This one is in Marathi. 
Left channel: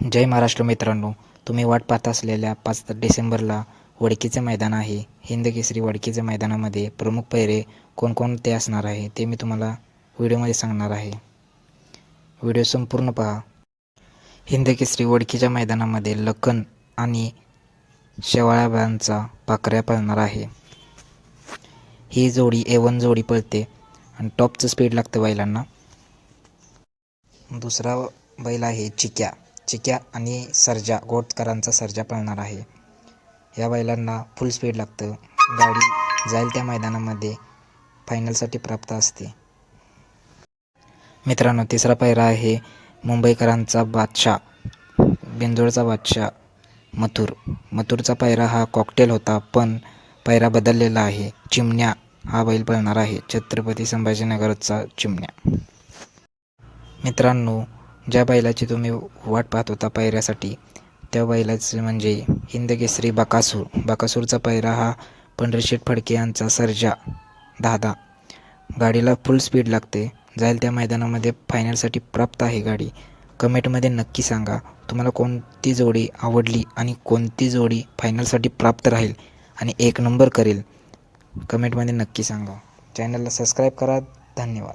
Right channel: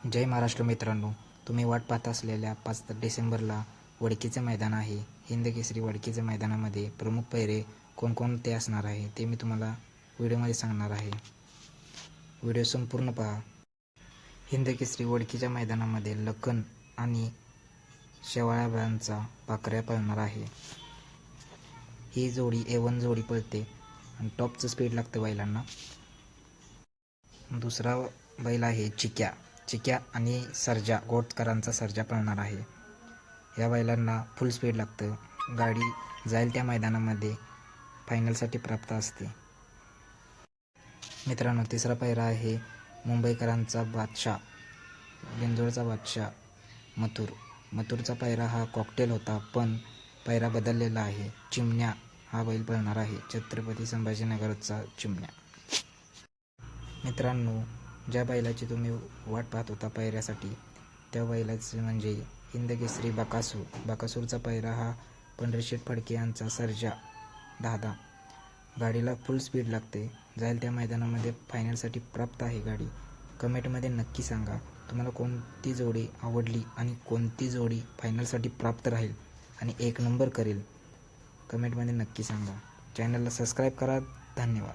जय महाराष्ट्र मित्रांनो तुम्ही वाट पाहत असलेल्या पाच डिसेंबरला वडकीचे मैदान आहे. हिंद केसरी वडकीच्या मैदानामध्ये प्रमुख पैरे कोणकोणते असणार आहे ते मी तुम्हाला व्हिडिओमध्ये सांगणार आहे. व्हिडिओ संपूर्ण पहा. हिंद केसरी वडकीच्या मैदानामध्ये लखन आणि शेवाळ्याबांचा पाकऱ्या पळणार आहे. ही जोडी ए वन जोडी पळते आणि टॉपचं स्पीड लागतं बैलांना. दुसरा बैल आहे चिक्या. चिक्या आणि सर्जा गोटकरांचा सर्जा पळणार आहे. या बैलांना फुल स्पीड लागतं. गाडी जाईल त्या मैदानामध्ये. फायनलसाठी प्राप्त असते. मित्रांनो तिसरा पायरा आहे मुंबईकरांचा बादशाह बिंदोडचा बादशाह मथुर. मथुरचा पायरा हा कॉकटेल होता पण पायरा बदललेला आहे. चिमण्या हा बैल पळणार आहे. छत्रपती संभाजीनगरचा चिमण्या. मित्रांनो ज्या बैलाची तुम्ही वाट पाहत होता पायऱ्यासाठी त्या बैलाचं म्हणजे हिंदकेसरी बकासूर. बकासूरचा पायरा हा पंढरशेठ फडके यांचा सर्जा दादा. गाडीला फुल स्पीड लागते. जाईल त्या मैदानामध्ये फायनलसाठी प्राप्त आहे गाडी. कमेंटमध्ये नक्की सांगा. तुम्हाला कोणती जोडी आवडली आणि कोणती जोडी फायनलसाठी प्राप्त राहील आणि एक नंबर करेल? कमेंटमध्ये नक्की सांगा. चॅनलला सबस्क्राईब करा. धन्यवाद.